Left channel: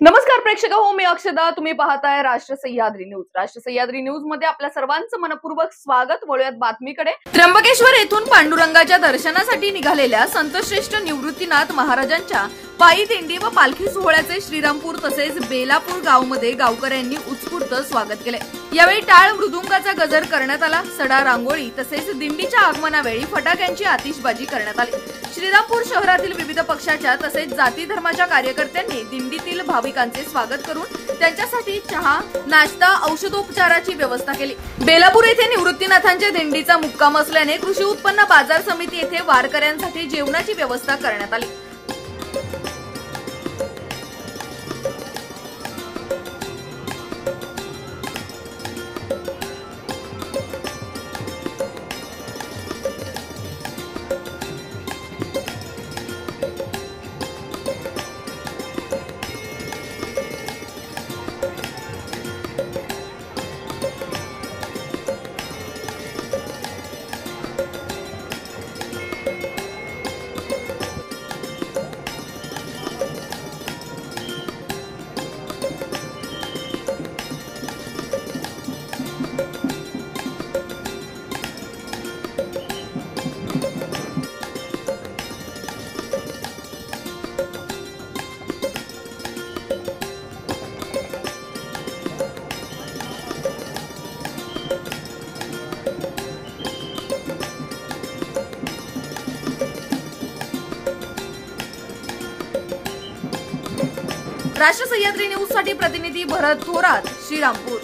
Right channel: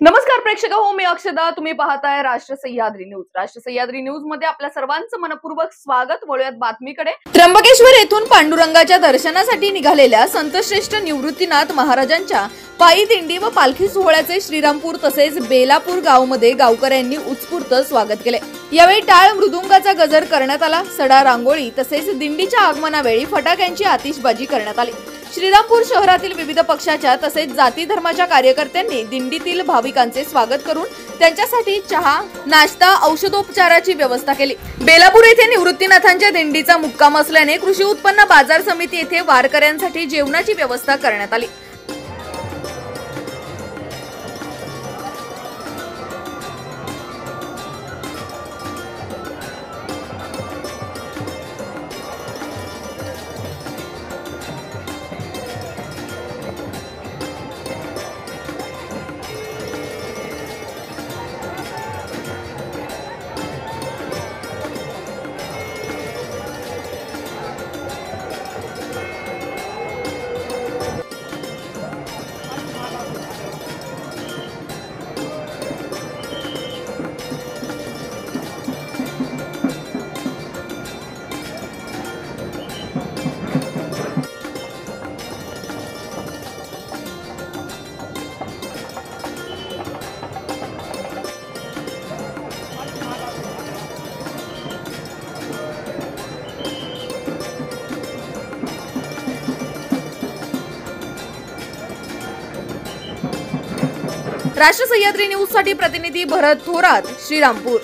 नमस्कार प्रेक्षक हो, मी अक्षदा. तुम्ही पाहताय राष्ट्र सह्याद्री न्यूज. राष्ट्र सह्याद्री न्यूज मध्ये आपल्या सर्वांचं मनपूर्वक स्वागत. वळूयात बातमीकडे. त्र्यंबकेश्वर येथून पांडुरंगाच्या दर्शनासाठी निघालेल्या संतश्रेष्ठ निवृत्तीनाथ महाराजांच्या पायी दिंडी व पालखी सोहळ्याचे श्रीरामपूर तसेच बेलापूर गावमध्ये गावकऱ्यांनी उत्स्फूर्त स्वागत केले. यावेळी टाळ मृदुंगाचा गजर करण्यात आला. सडा रांगोळी तसेच दिंडीच्या आगमनावेळी फटाक्यांची आतिषबाजी करण्यात आली. श्रीरामपूर शहरातील विविध पक्षाच्या तसेच जाती धर्माच्या कार्यकर्त्यांनी दिंडीतील भाविकांचे स्वागत करून त्यांच्यासाठी चहा, नाश्ता, औषधोपचाराची व्यवस्था केली. बेलापूर येथे निवृत्तीनाथांच्या दिंडीचा मुक्काम असल्याने कृषी उत्पन्न बाजार समिती येथे वारकऱ्यांसाठी जेवणाची व्यवस्था करण्यात आली. राष्ट्र सह्याद्री न्यूज साठी प्रतिनिधी भरत थोरात, श्रीरामपूर.